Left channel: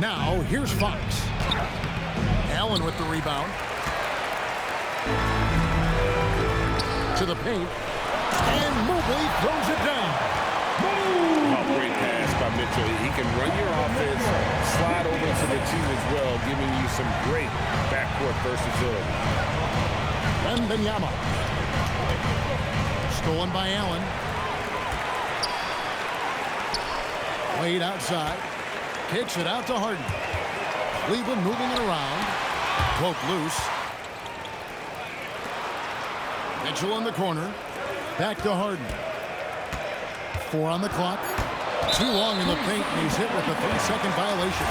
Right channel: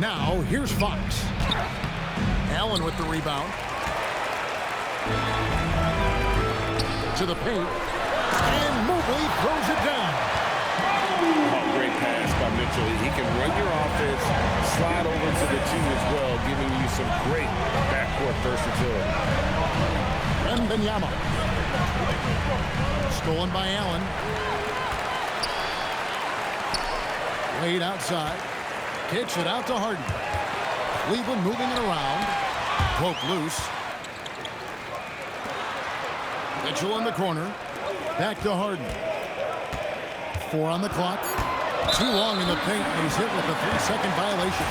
Now, here's Fox. Allen with the rebound. To the paint. And Mobley throws it down. Oh, great pass by Mitchell. He can run your offense, slide over to the 2 as well, giving you some great backcourt versatility. Wembanyama. Stolen by Allen. Wade outside. Kicks it out to Harden. Cleveland moving it around. Poke loose. Mitchell in the corner. Back to Harden. 4 on the clock. Too long in the paint, and he's hit with a 3-second violation.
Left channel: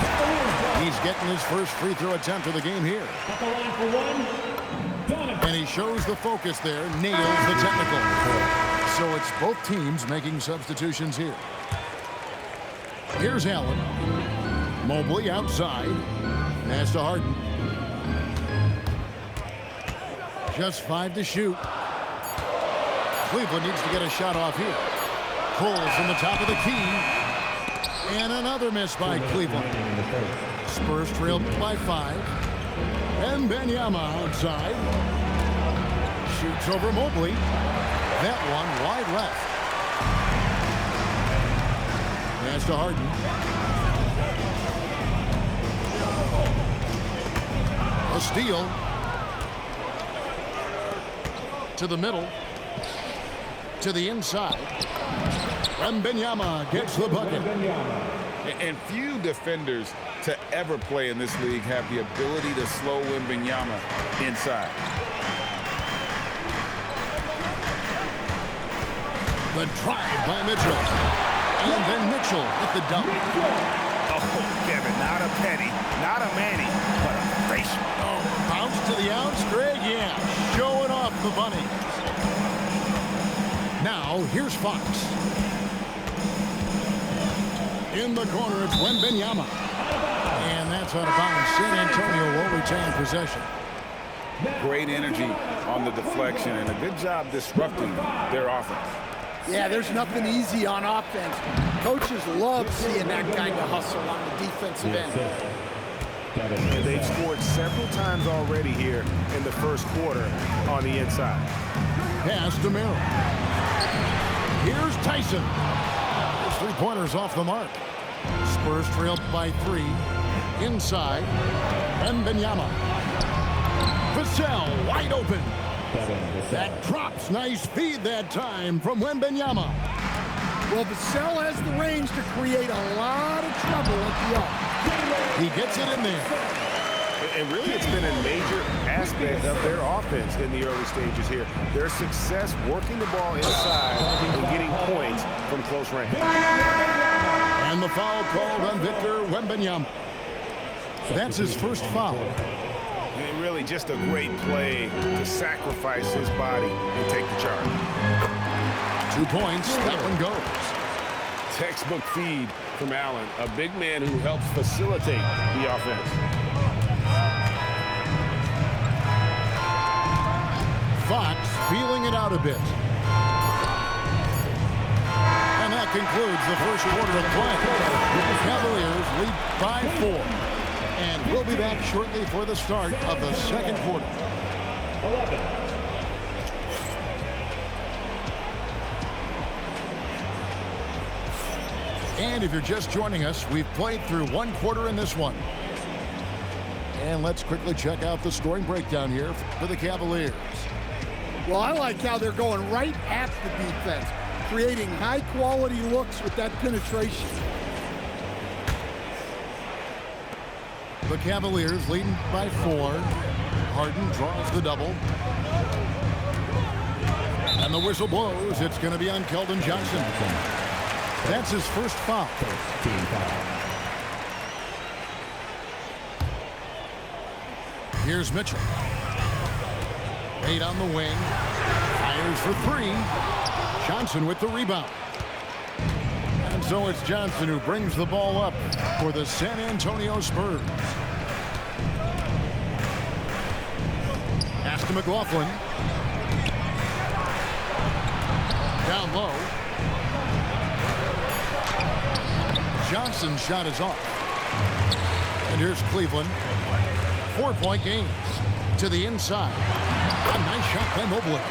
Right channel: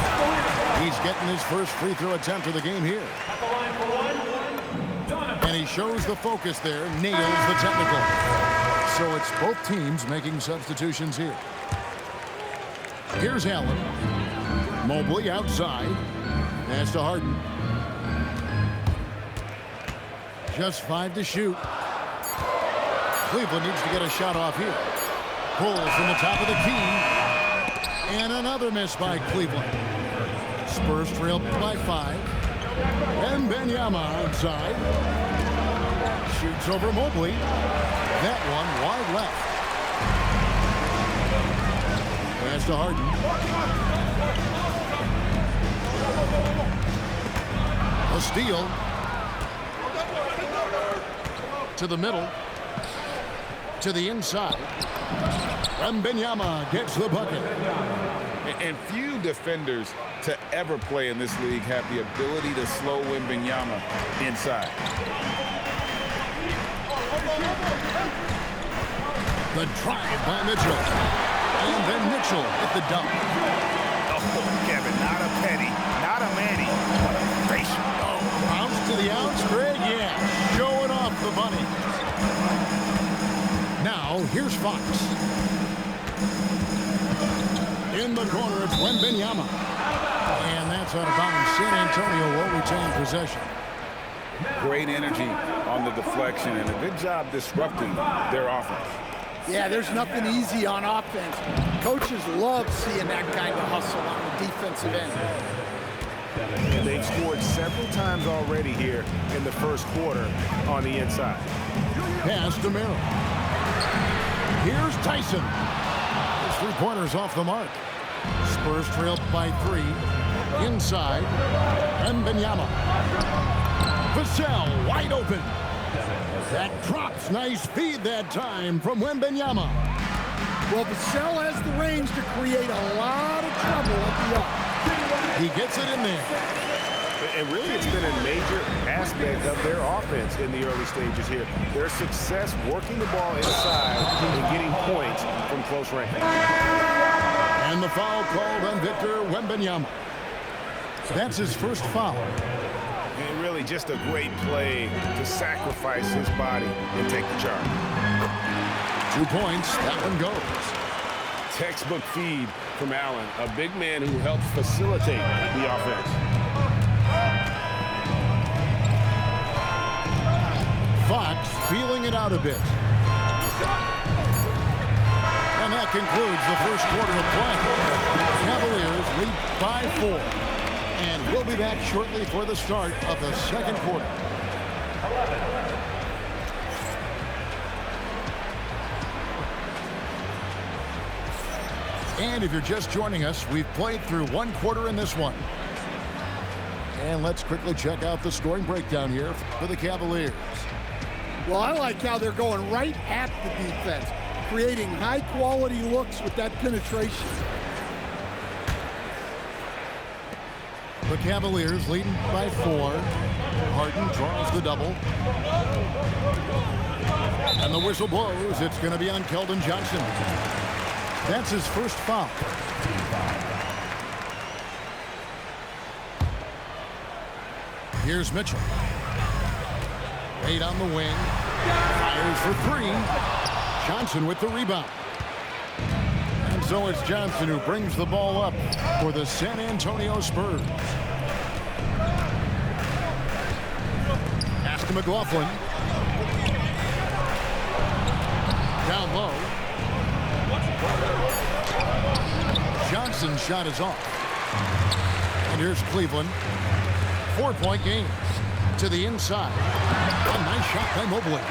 He's getting his first free throw attempt of the game here. And he shows the focus there, nails the technical. So it's both teams making substitutions here. Here's Allen. Mobley outside. Pass to Harden. Just 5 to shoot. Cleveland needs to get a shot off here. Pulls from the top of the key. And another miss by Cleveland. Spurs trailed by 5. And Wembanyama outside. Shoots over Mobley. That one wide left. Pass to Harden. A steal. To the middle. To the inside. Wembanyama gets the bucket. And few defenders to ever play in this league have the ability to slow Wembanyama inside. The drive by Mitchell. And then Mitchell with the dunk. Oh, Kevin, not a penny, not a Manny, but a facial. Oh, bounce to the ounce, Greg. Yeah, showing off the bunny. Now, here's Fox. In the corner, it's Wembanyama. And that's out of bounds. San Antonio will retain possession. Great energy on the deflection and a good job disrupting their offense. Yeah, there's nothing easy on offense. Coaches love seeing that kind of hustle on the defensive end. And they've scored several times already here in the first quarter on the inside. Pass to Merrill. Here's Tyson. His three-pointers off the mark. Spurs trailed by 3. Inside. Wembanyama. Vassell wide open. That drops. Nice feed that time from Wembanyama. Well, Vassell has the range to create a lot of trouble at the arc. He gets it in there. And really, it's been a major aspect of their offense in the early stages here. Their success working the ball inside and getting points from close range. And the foul called on Victor Wembanyama. That's his first foul. And really just a great play to sacrifice his body and take the charge. 2 points. That one goes. Textbook feed from Allen, a big man who helps facilitate the offense. Fox feeling it out a bit. And that concludes the first quarter of play. Cavaliers lead by 4. And we'll be back shortly for the start of the second quarter. And if you're just joining us, we've played through 1 quarter in this one. And let's quickly check out the scoring breakdown here for the Cavaliers. Well, I like how they're going right at the defense, creating high-quality looks with that penetration. The Cavaliers leading by 4. Harden draws the double. And the whistle blows. It's going to be on Keldon Johnson. That's his first foul. Here's Mitchell. Wade on the wing. Fires for 3. Johnson with the rebound. And so it's Johnson who brings the ball up for the San Antonio Spurs. Pass to McLaughlin. Down low. Johnson's shot is off. And here's Cleveland. 4-point game. To the inside. A nice shot by Mobley.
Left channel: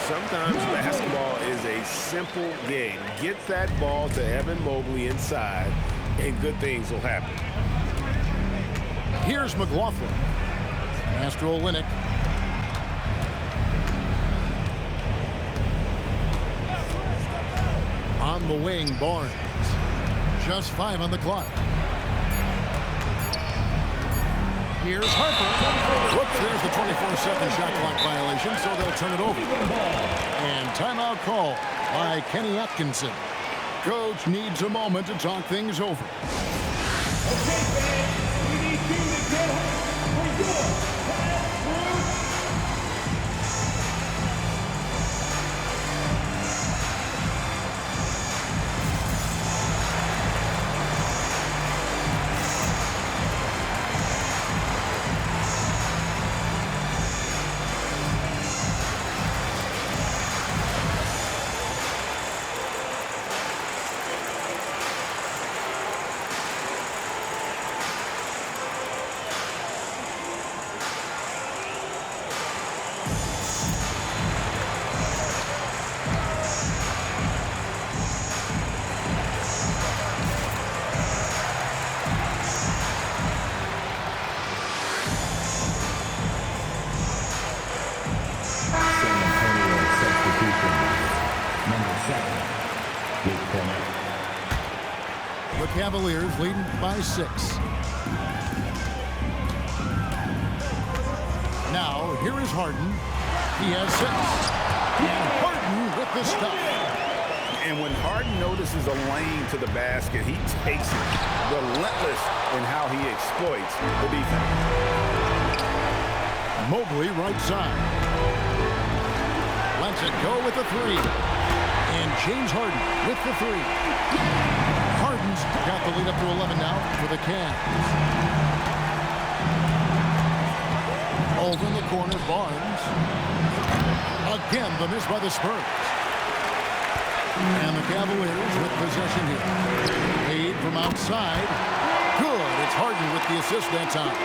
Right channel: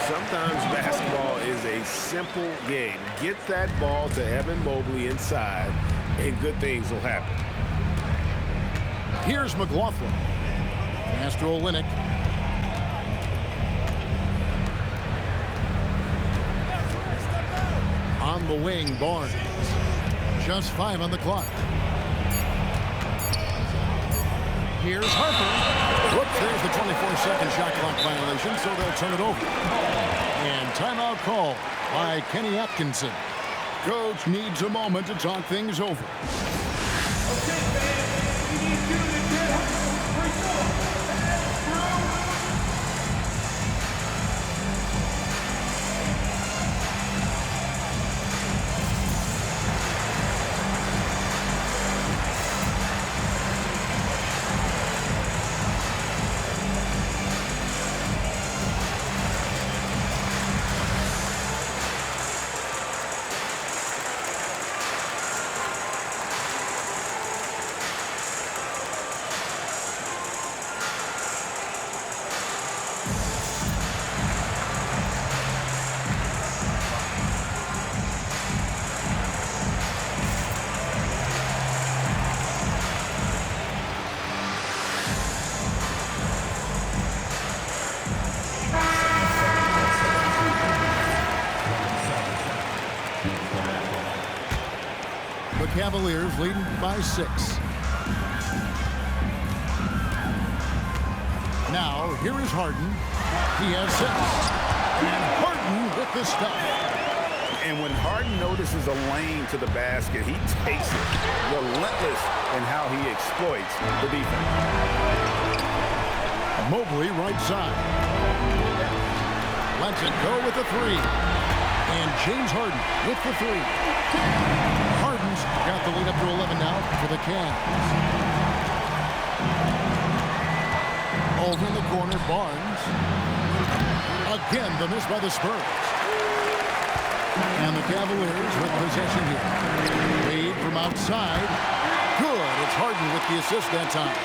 Sometimes basketball is a simple game. Get that ball to Evan Mobley inside, and good things will happen. Here's McLaughlin. Pass to Olynyk. On the wing, Barnes. Just 5 on the clock. Here's Harper. Whoops, there's the 24-second shot clock violation, so they'll turn it over. And timeout call by Kenny Atkinson. Coach needs a moment to talk things over. The Cavaliers leading by 6. Now, here is Harden. He has 6. And Harden with the stop. And when Harden notices a lane to the basket, he takes it. Relentless in how he exploits the defense. Mobley right side. Lets it go with the 3. And James Harden with the 3. Harden's got the lead up to 11 now for the Cavs. Over in the corner, Barnes. Again, the miss by the Spurs. And the Cavaliers with possession here. Wade from outside. Good. It's Harden with the assist that time.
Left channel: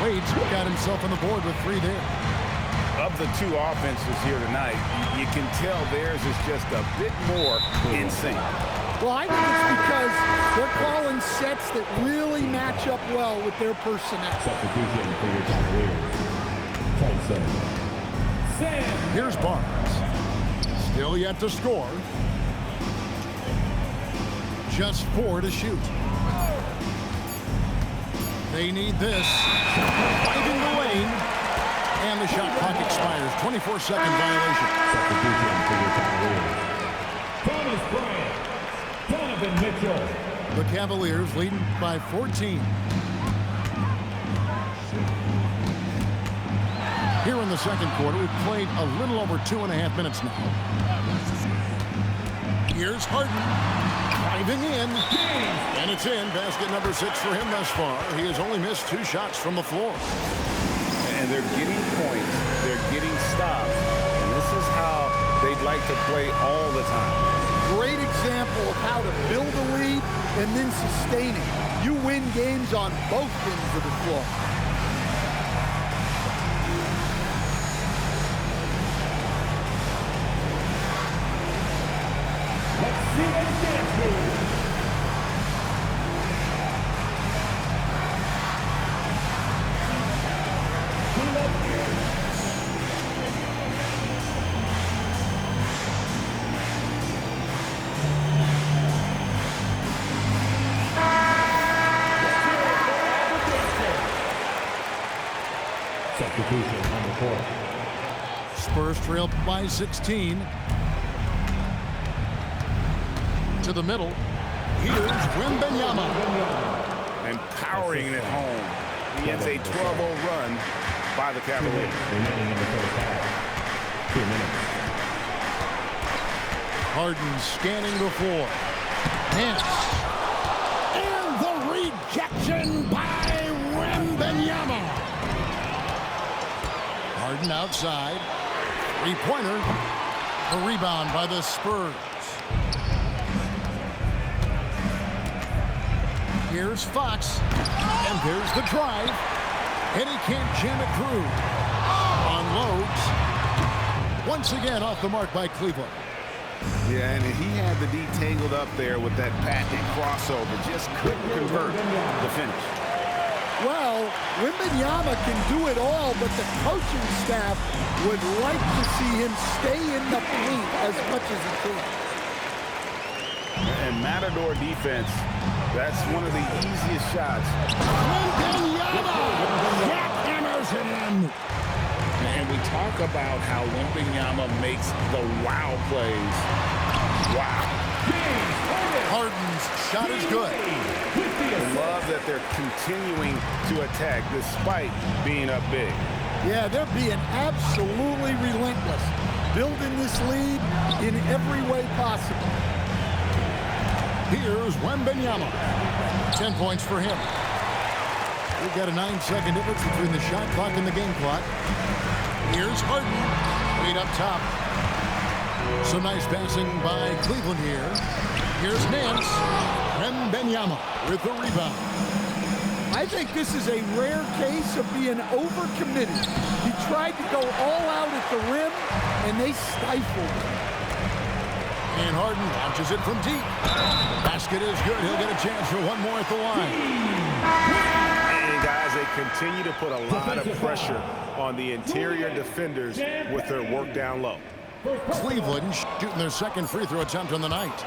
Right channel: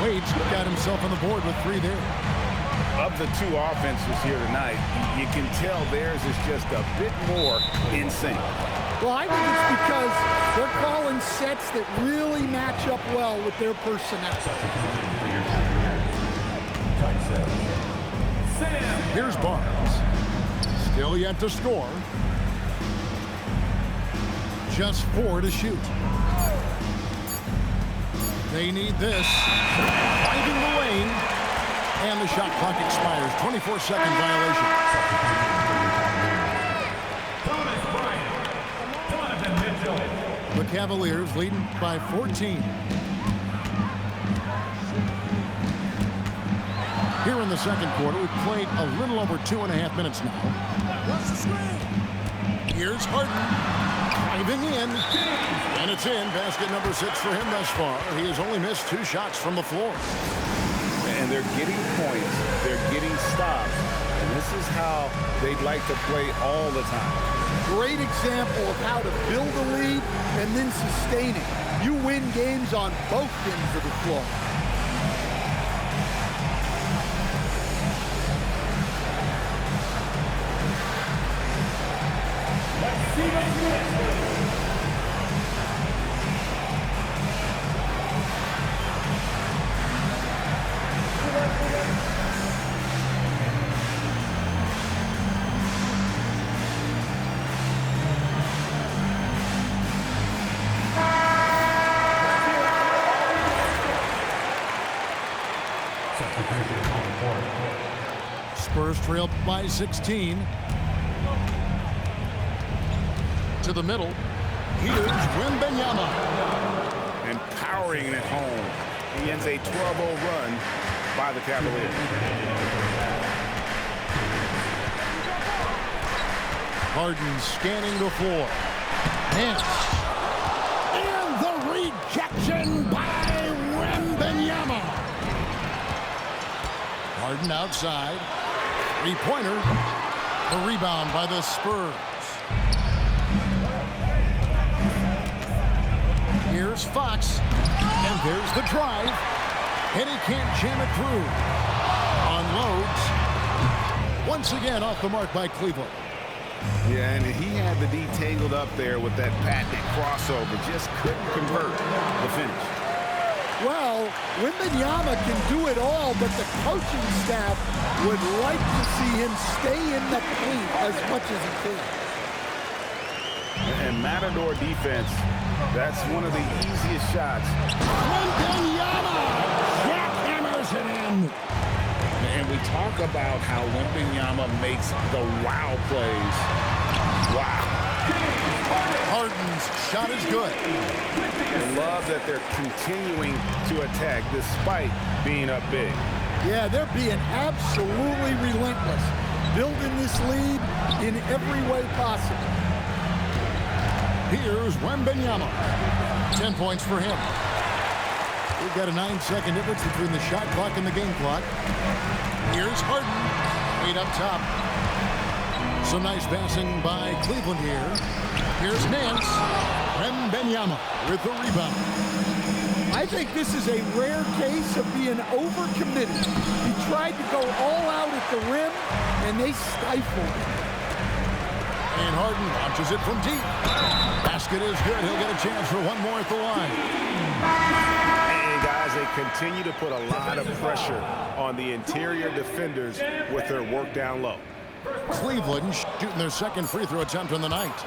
Wade's got himself on the board with 3 there. Of the 2 offenses here tonight, you can tell theirs is just a bit more in sync. Well, I think it's because they're calling sets that really match up well with their personnel. Here's Barnes. Still yet to score. Just 4 to shoot. They need this. Finding the lane. And the shot clock expires. 24-second violation. Thomas Bryant. Donovan Mitchell. The Cavaliers leading by 14. Here in the second quarter, we've played a little over 2.5 minutes now. Here's Harden. Driving in. And it's in. Basket number 6 for him thus far. He has only missed 2 shots from the floor. And they're getting points. They're getting stops. And this is how they'd like to play all the time. Great example of how to build a lead and then sustain it. You win games on both ends of the floor. Let's see what he gets. Substitution on the court. Spurs trail by 16. To the middle. Here's Wembanyama. And powering it home. He ends a 12-0 run by the Cavaliers. Harden scanning the floor. And the rejection by Wembanyama. Harden outside. 3-pointer. The rebound by the Spurs. Here's Fox. And there's the drive. And he can't jam it through. Unloads. Once again off the mark by Cleveland. Yeah, and he had the D tangled up there with that patented crossover. Just couldn't convert the finish. Well, Wembanyama can do it all, but the coaching staff would like to see him stay in the paint as much as he can. And Matador defense, that's one of the easiest shots. Wembanyama jackhammers it in. And we talk about how Wembanyama makes the wow plays. Wow. Harden's shot is good. I love that they're continuing to attack despite being up big. Yeah, they're being absolutely relentless, building this lead in every way possible. Here's Wembanyama. 10 points for him. We've got a 9-second difference between the shot clock and the game clock. Here's Harden, right up top. Some nice passing by Cleveland here. Here's Nance. Wembanyama with the rebound. I think this is a rare case of being overcommitted. He tried to go all out at the rim, and they stifled him. And Harden launches it from deep. Basket is good. He'll get a chance for one more at the line. And guys, they continue to put a lot of pressure on the interior defenders with their work down low. Cleveland shooting their second free throw attempt on the night.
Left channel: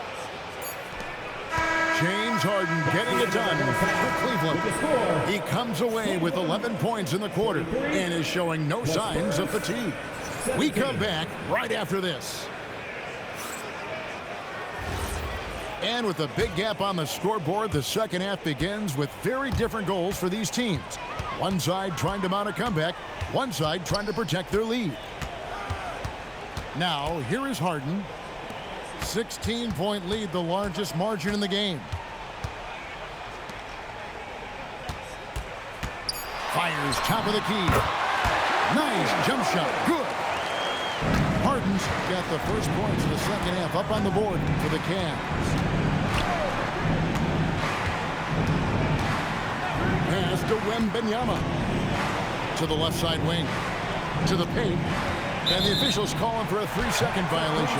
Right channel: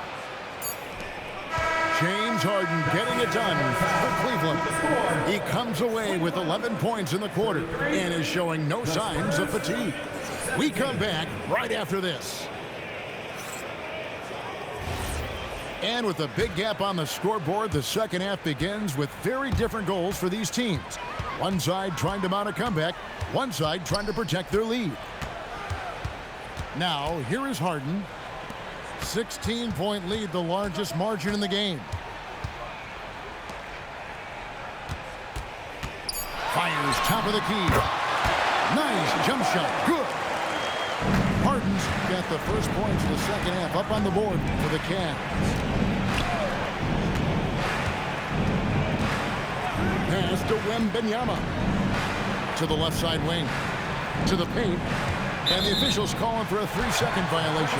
James Harden getting it done for Cleveland. He comes away with 11 points in the quarter and is showing no signs of fatigue. We come back right after this. And with a big gap on the scoreboard, the second half begins with very different goals for these teams. One side trying to mount a comeback, one side trying to protect their lead. Now, here is Harden. 16-point lead, the largest margin in the game. Fires top of the key. Nice jump shot. Good. Harden's got the first points of the second half up on the board for the Cavs. Pass to Wembanyama. To the left side wing. To the paint. And the officials calling for a 3-second violation.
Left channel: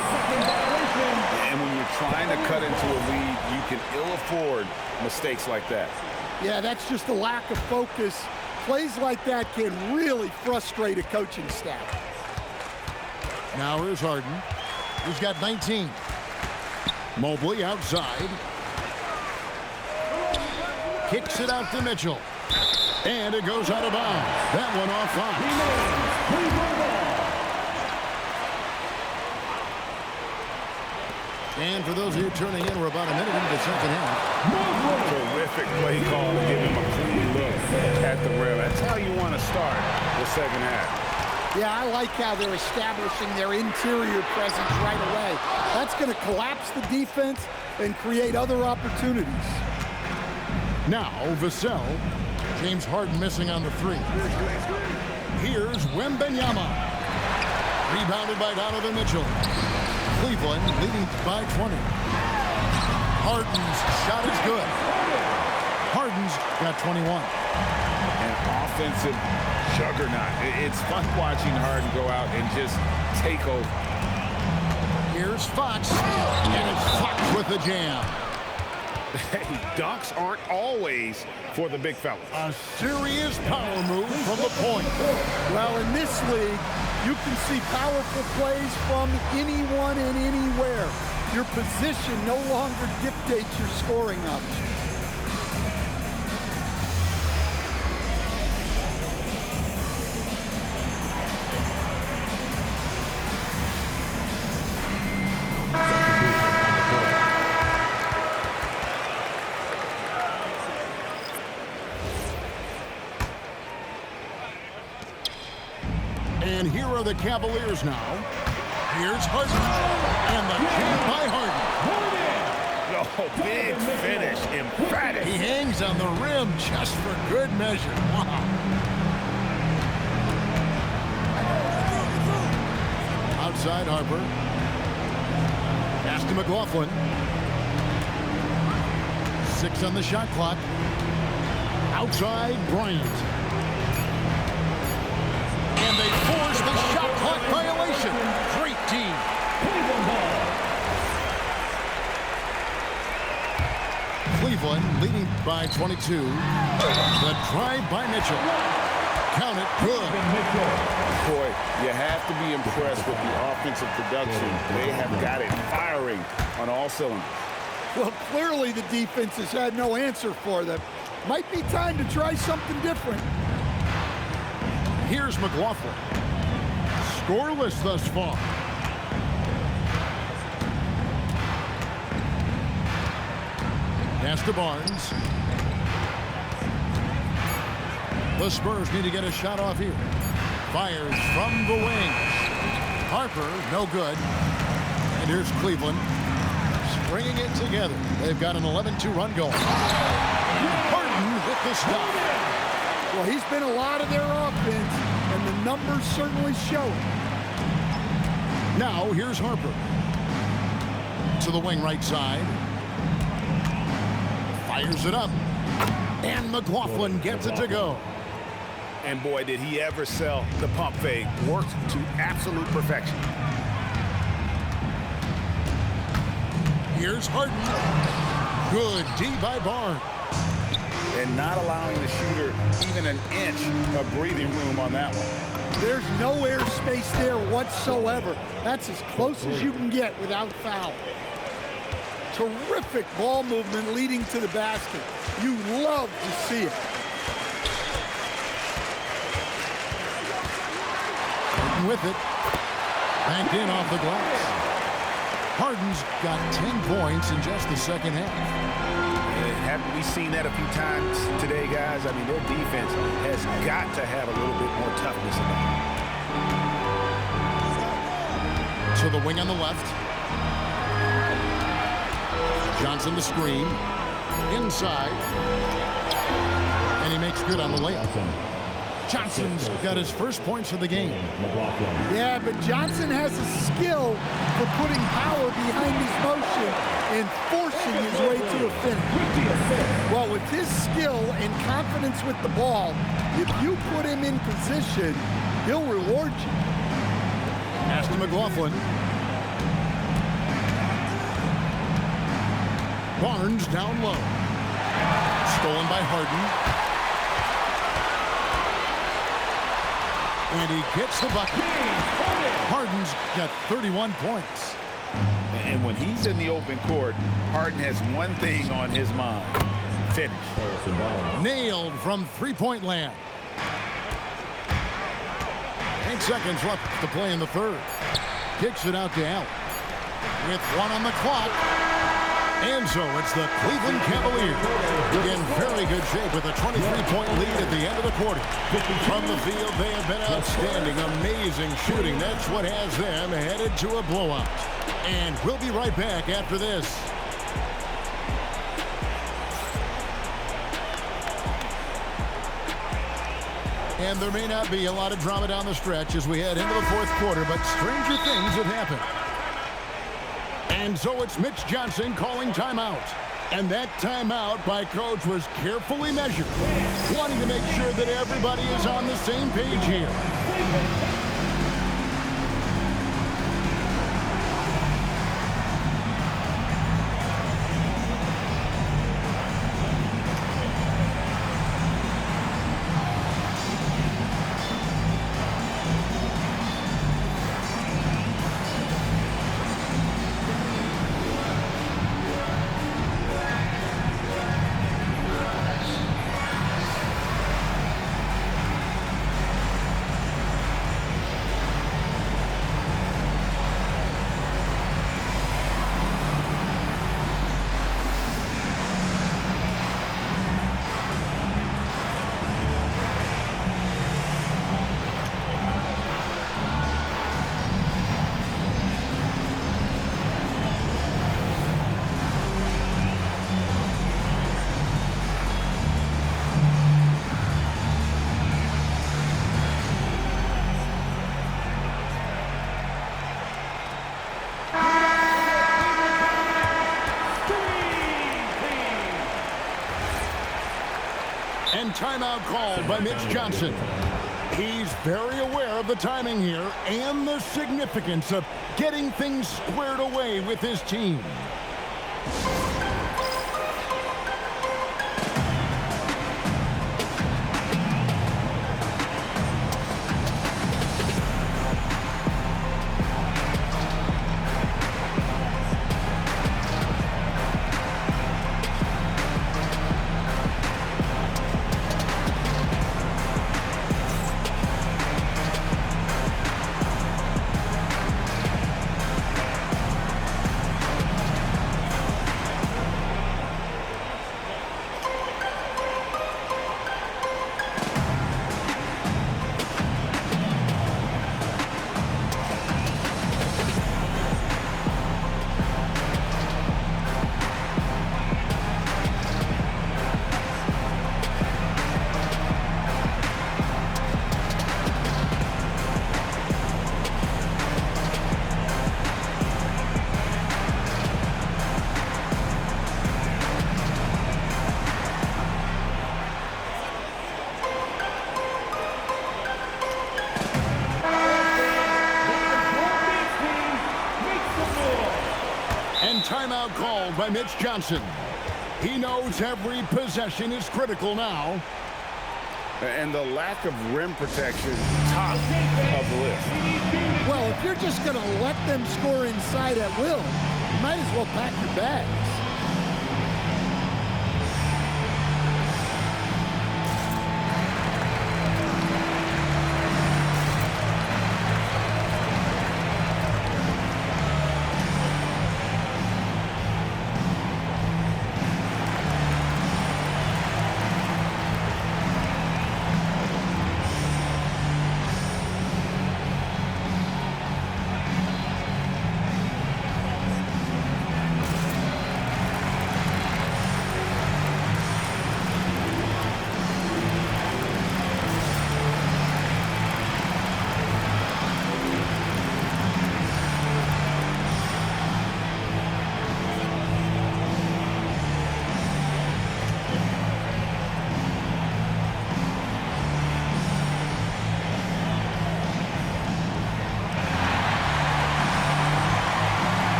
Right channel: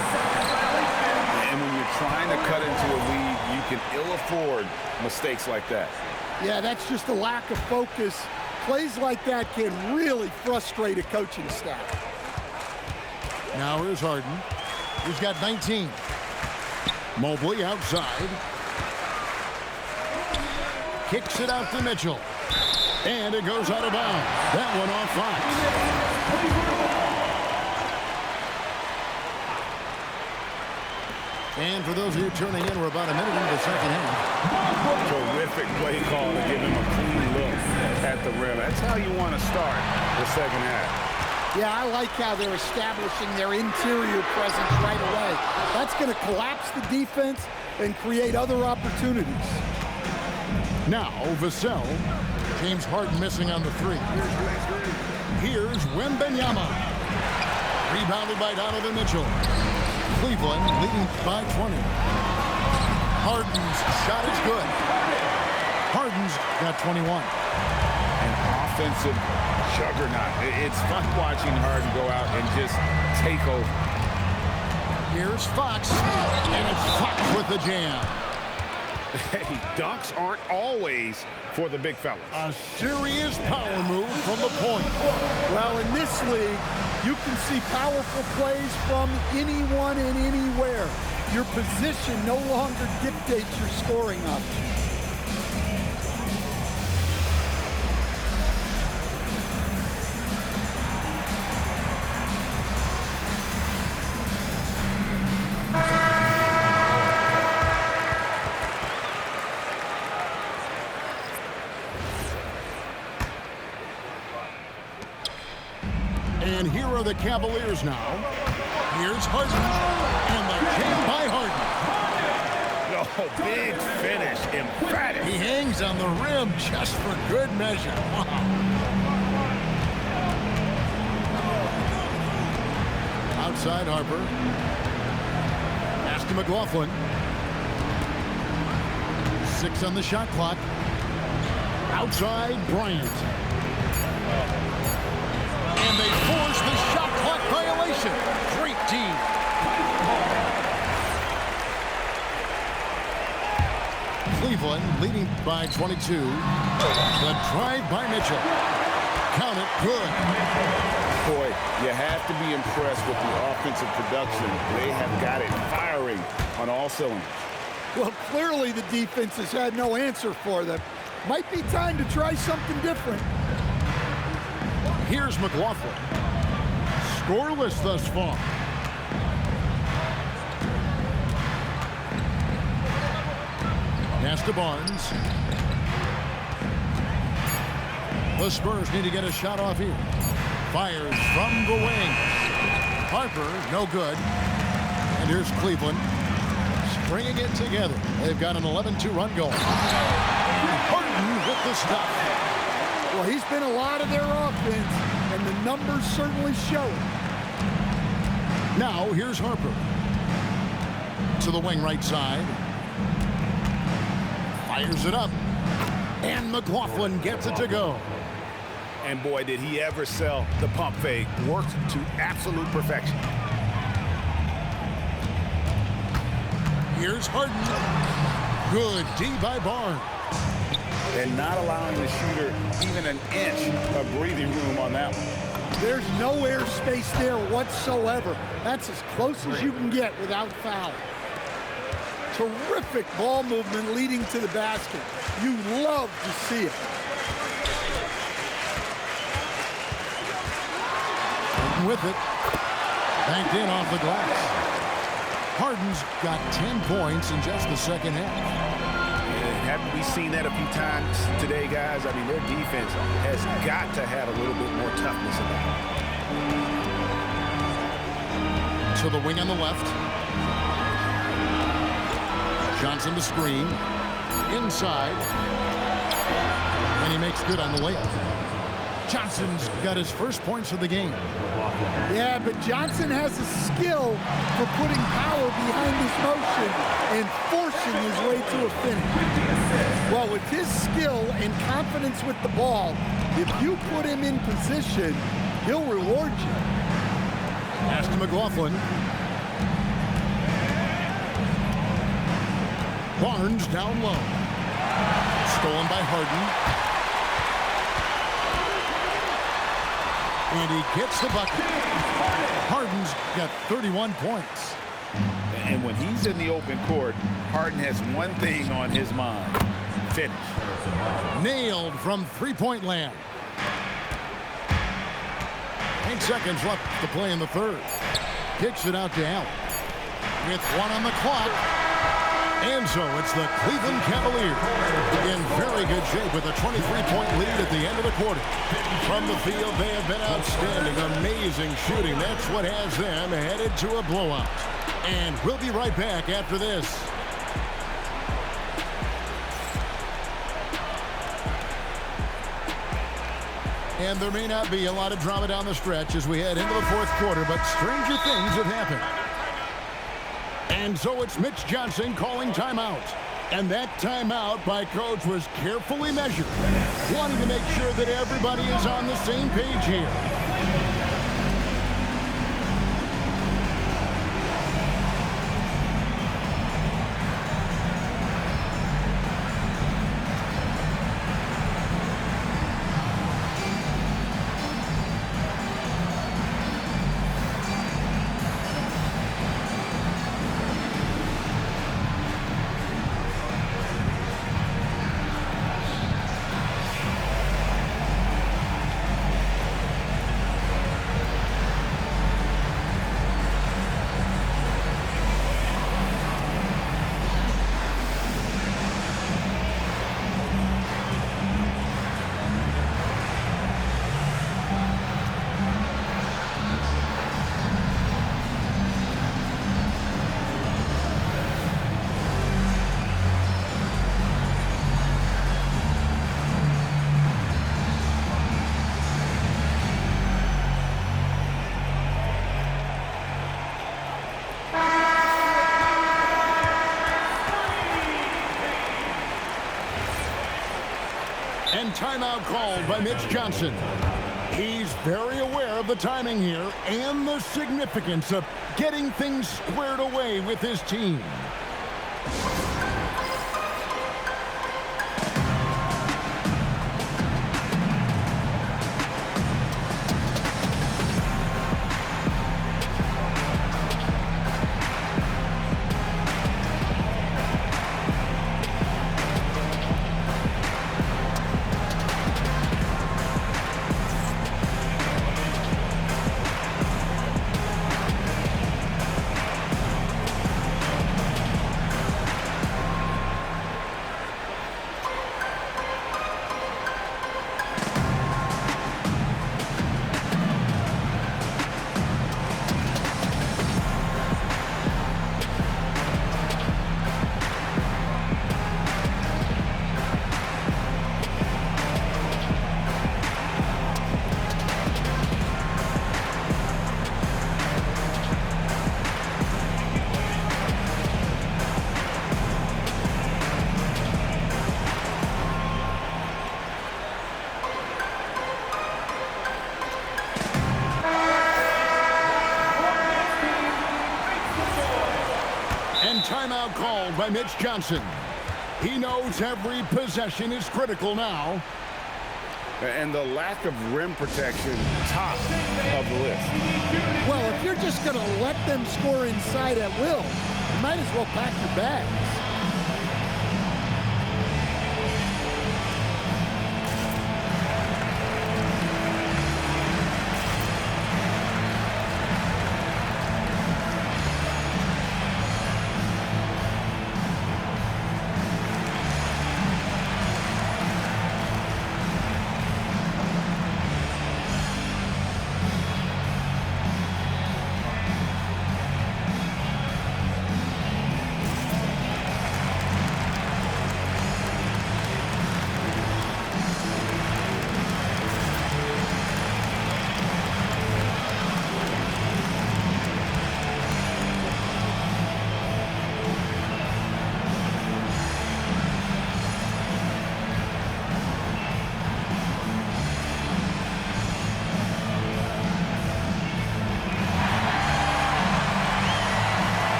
And when you're trying to cut into a lead, you can ill afford mistakes like that. Yeah, that's just a lack of focus. Plays like that can really frustrate a coaching staff. Now here's Harden. He's got 19. Mobley outside. Kicks it out to Mitchell. And it goes out of bounds. That one off Fox. And for those of you tuning in, we're about a minute into the second half. Terrific play call to give him a clean look at the rim. That's how you want to start the second half. Yeah, I like how they're establishing their interior presence right away. That's going to collapse the defense and create other opportunities. Now, Vassell. James Harden missing on the three. Here's Wembanyama. Rebounded by Donovan Mitchell. Cleveland leading by 20. Harden's shot is good. Harden's got 21. An offensive juggernaut. It's fun watching Harden go out and just take over. Here's Fox, and it's Fox with the jam. Hey, dunks aren't always for the big fellas. A serious power move from the point. Well, in this league, you can see powerful plays from anyone and anywhere. Your position no longer dictates your scoring options. And here are the Cavaliers now. Here's Harden, and the jam by Harden. Oh, big finish, emphatic. He hangs on the rim just for good measure. Wow. Outside Harper. Pass to McLaughlin. 6 on the shot clock. Outside Bryant. And they force the shot clock violation. Great team. Cleveland leading by 22. The drive by Mitchell. Count it, good. Boy, you have to be impressed with the offensive production. They have got it firing on all cylinders. Well, clearly the defense has had no answer for them. Might be time to try something different. Here's McLaughlin. Scoreless thus far. Pass to Barnes. The Spurs need to get a shot off here. Fires from the wing. Harper, no good. And here's Cleveland. Stringing it together. They've got an 11-2 run going. And Harden with the stuff. Well, he's been a lot of their offense, and the numbers certainly show it. Now, here's Harper. To the wing right side. Fires it up. And McLaughlin gets it to go. And boy, did he ever sell the pump fake. Worked to absolute perfection. Here's Harden. Good D by Barnes. And not allowing the shooter even an inch of breathing room on that one. There's no airspace there whatsoever. That's as close as you can get without foul. Terrific ball movement leading to the basket. You love to see it. Harden with it. Banked in off the glass. Harden's got 10 points in just the second half. And haven't we seen that a few times today, guys? I mean, their defense has got to have a little bit more toughness about it. To the wing on the left. Johnson to screen. Inside. And he makes good on the layup. Johnson's got his first points of the game. Yeah, but Johnson has a skill for putting power behind his motion and forcing his way to a finish. Well, with his skill and confidence with the ball, if you put him in position, he'll reward you. Pass to McLaughlin. Barnes down low. Stolen by Harden. And he gets the bucket. Harden's got 31 points. And when he's in the open court, Harden has one thing on his mind. Finish. Nailed from three-point land. 8 seconds left to play in the third. Kicks it out to Allen. With 1 on the clock. And so it's the Cleveland Cavaliers in very good shape with a 23-point lead at the end of the quarter. From the field, they have been outstanding, amazing shooting. That's what has them headed to a blowout. And we'll be right back after this. And there may not be a lot of drama down the stretch as we head into the fourth quarter, but stranger things have happened. And so it's Mitch Johnson calling timeout. And that timeout by Coach was carefully measured, wanting to make sure that everybody is on the same page here. And timeout called by Mitch Johnson. He's very aware of the timing here and the significance of getting things squared away with his team. And timeout called by Mitch Johnson. He knows every possession is critical now. And the lack of rim protection, top of the list. Well, if you're just going to let them score inside at will, you might as well pack your bags.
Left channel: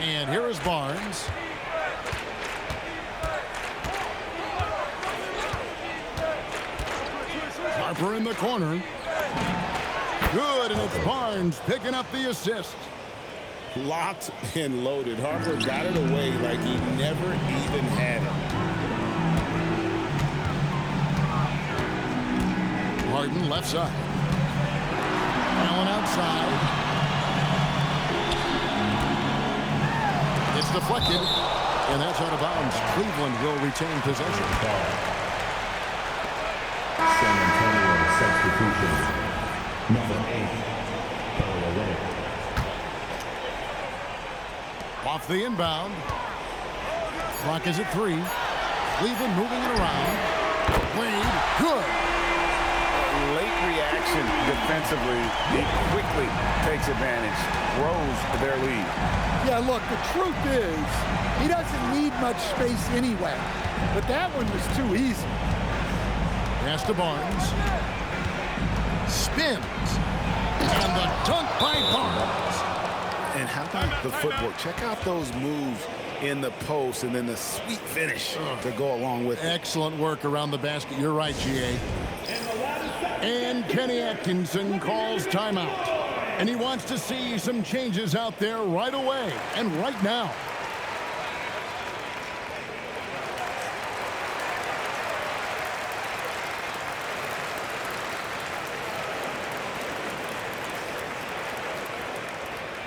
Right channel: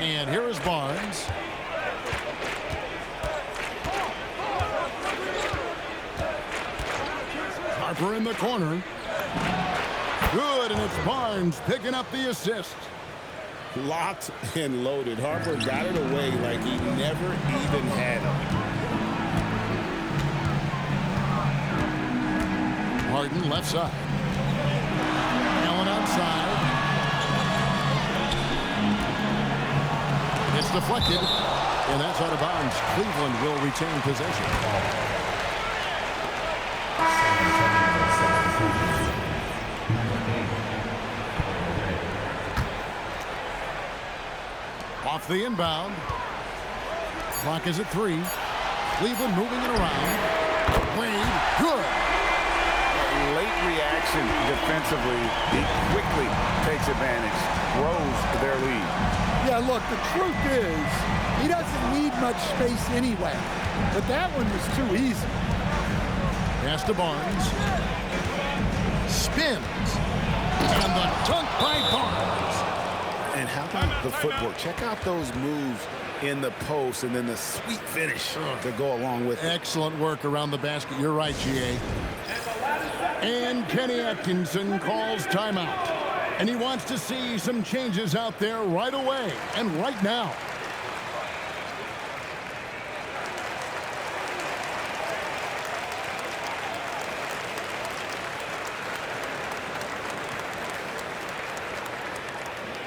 And here is Barnes. Harper in the corner. Good, and it's Barnes picking up the assist. Locked and loaded. Harper got it away like he never even had it. Harden left side. Allen outside. It's deflected, and that's out of bounds. Cleveland will retain possession. San Antonio substitution. Number 8. Off the inbound. Clock is at 3. Cleveland moving it around. Wade, good. Late reaction defensively. He quickly takes advantage, grows their lead. Yeah, look, the truth is, he doesn't need much space anyway. But that one was too easy. Pass to Barnes. Spins. And the dunk by Barnes. And how about the footwork? Check out those moves in the post and then the sweet finish to go along with it. Excellent work around the basket. You're right, G.A. And Kenny Atkinson calls timeout. And he wants to see some changes out there right away and right now.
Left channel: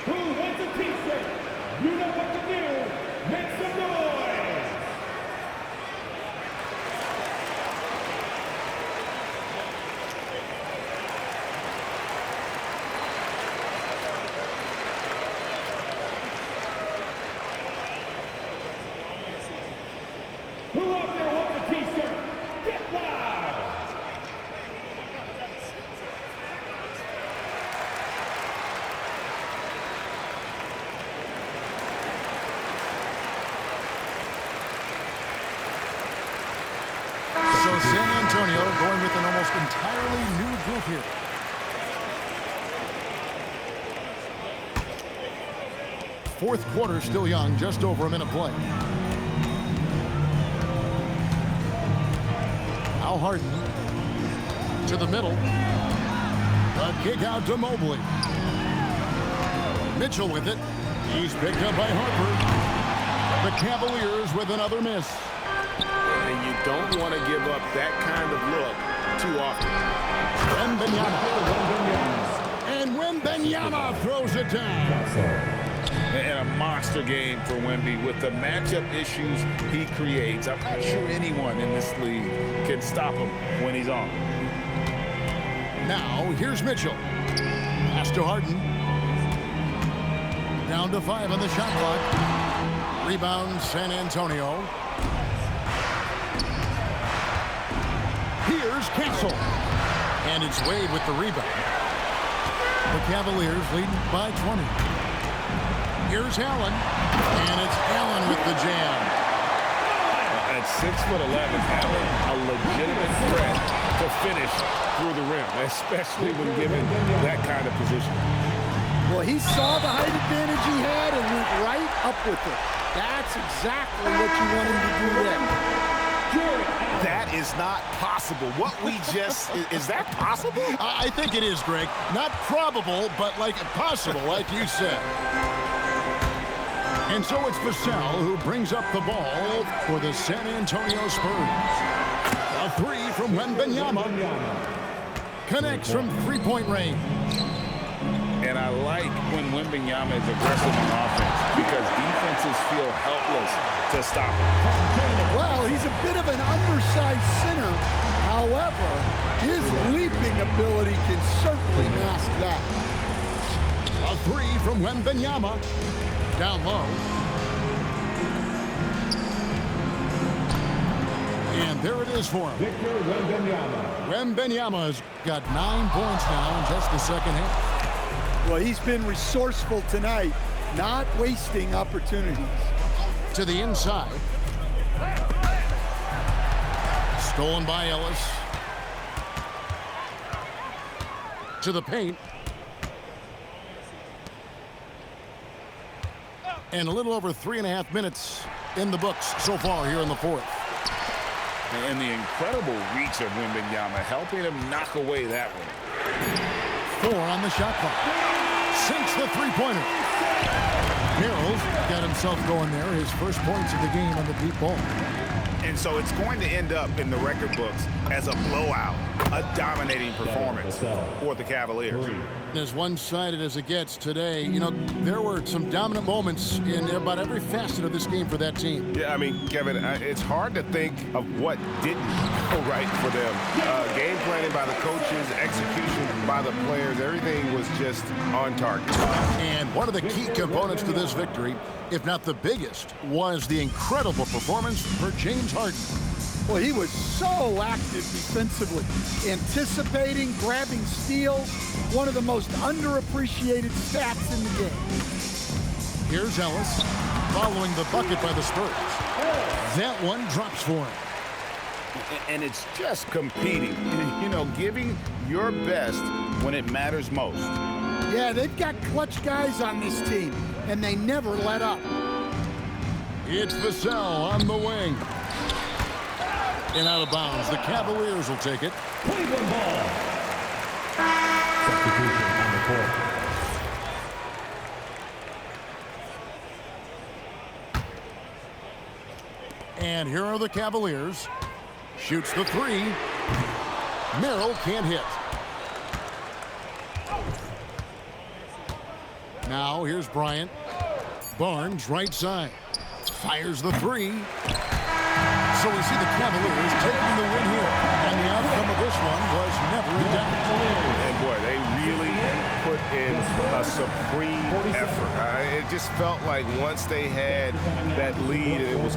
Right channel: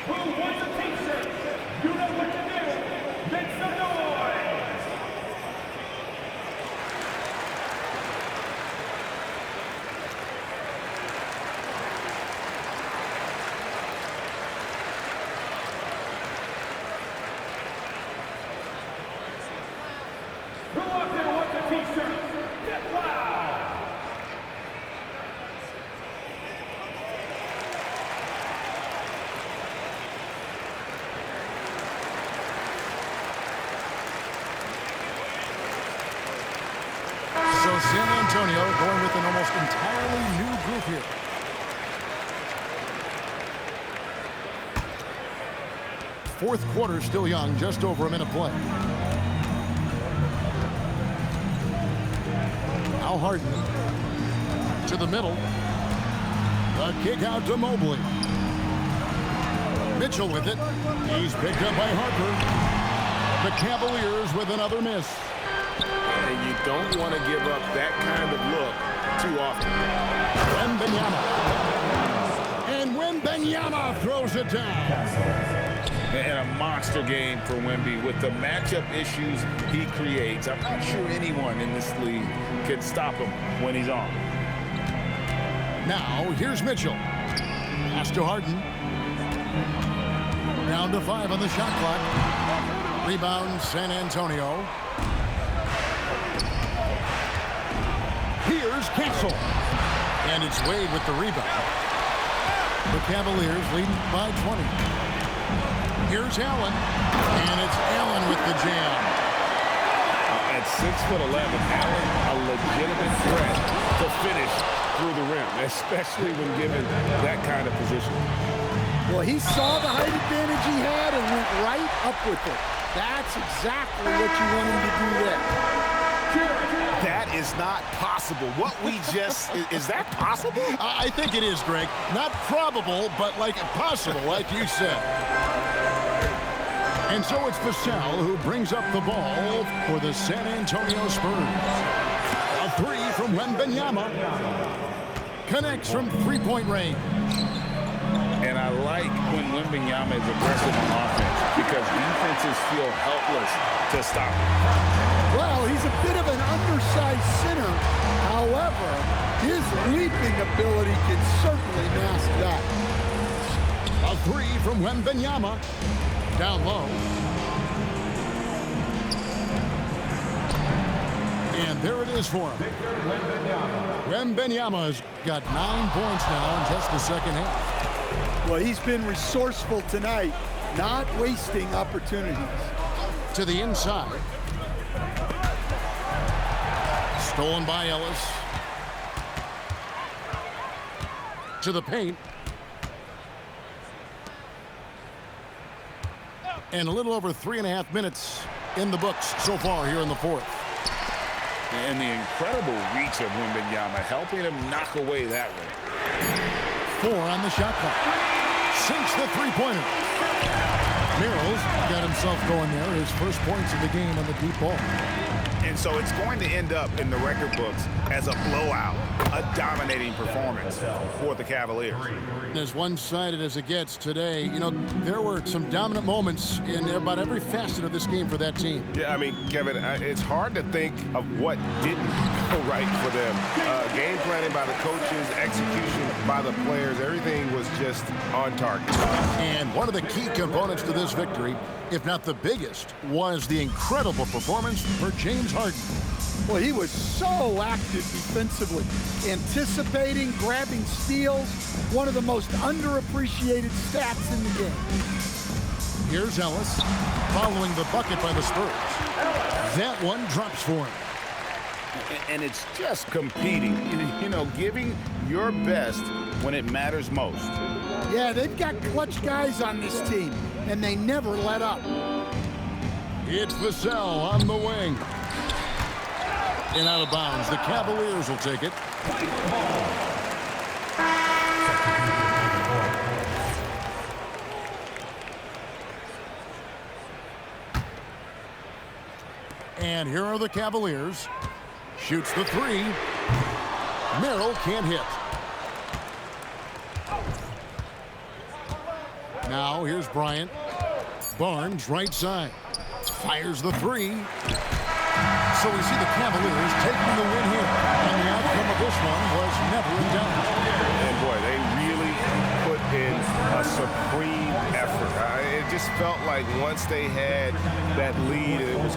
Who wants a t-shirt? You know what to do. Make some noise. So San Antonio going with an almost entirely new group here. Fourth quarter still young, just over a minute play. Now Harden to the middle. The kick out to Mobley. Mitchell with it. He's picked up by Harper. The Cavaliers with another miss. And you don't want to give up that kind of look too often. Wembanyama. And Wembanyama throws it down. And a monster game for Wemby with the matchup issues he creates. I'm not sure anyone in this league can stop him when he's on. Now, here's Mitchell. Pass to Harden. Down to 5 on the shot clock. Rebound, San Antonio. Here's Castle. And it's Wade with the rebound. The Cavaliers leading by 20. Here's Allen. And it's Allen with the jam. At 6'11", Allen, a legitimate threat to finish through the rim, especially when given that kind of position. Well, he saw the height advantage he had and went right up with it. That's exactly what you want him to do there. That is not possible. What we just, is that possible? I think it is, Greg. Not probable, but like possible, like you said. And so it's Vassell who brings up the ball for the San Antonio Spurs. A three from Wembanyama. Connects from three-point range. And I like when Wembanyama is aggressive on offense because defenses feel helpless to stop him. Well, he's a bit of an undersized center. However, his leaping ability can certainly mask that. A three from Wembanyama. Down low. And there it is for him. Victor Wembanyama. Wembanyama's got 9 points now in just the second half. Well, he's been resourceful tonight, not wasting opportunities. To the inside. Stolen by Ellis. To the paint. And a little over 3.5 minutes in the books so far here in the fourth. And the incredible reach of Wembanyama, helping him knock away that one. 4 on the shot clock. Sinks the three-pointer. Merrill's got himself going there. His first points of the game on the deep ball. And so it's going to end up in the record books as a blowout, a dominating performance for the Cavaliers. As one-sided as it gets today, you know, there were some dominant moments in about every facet of this game for that team. Yeah, I mean, Kevin, it's hard to think of what didn't go right for them. Game planning by the coaches, execution by the players, everything was just on target. And one of the key components to this victory, if not the biggest, was the incredible performance for James Harden. Well, he was so active defensively, anticipating, grabbing steals, one of the most underappreciated stats in the game. Here's Ellis, following the bucket by the Spurs. That one drops for him. And it's just competing, you know, giving your best when it matters most. Yeah, they've got clutch guys on this team, and they never let up. It's Vassell on the wing. And out of bounds. The Cavaliers will take it. Cleveland ball. And here are the Cavaliers. Shoots the three. Merrill can't hit. Now here's Bryant. Barnes right side. Fires the three. So we see the Cavaliers taking the win here. And the outcome of this one was never in doubt. And boy, they really put in a supreme effort. It just felt like once they had that lead, it was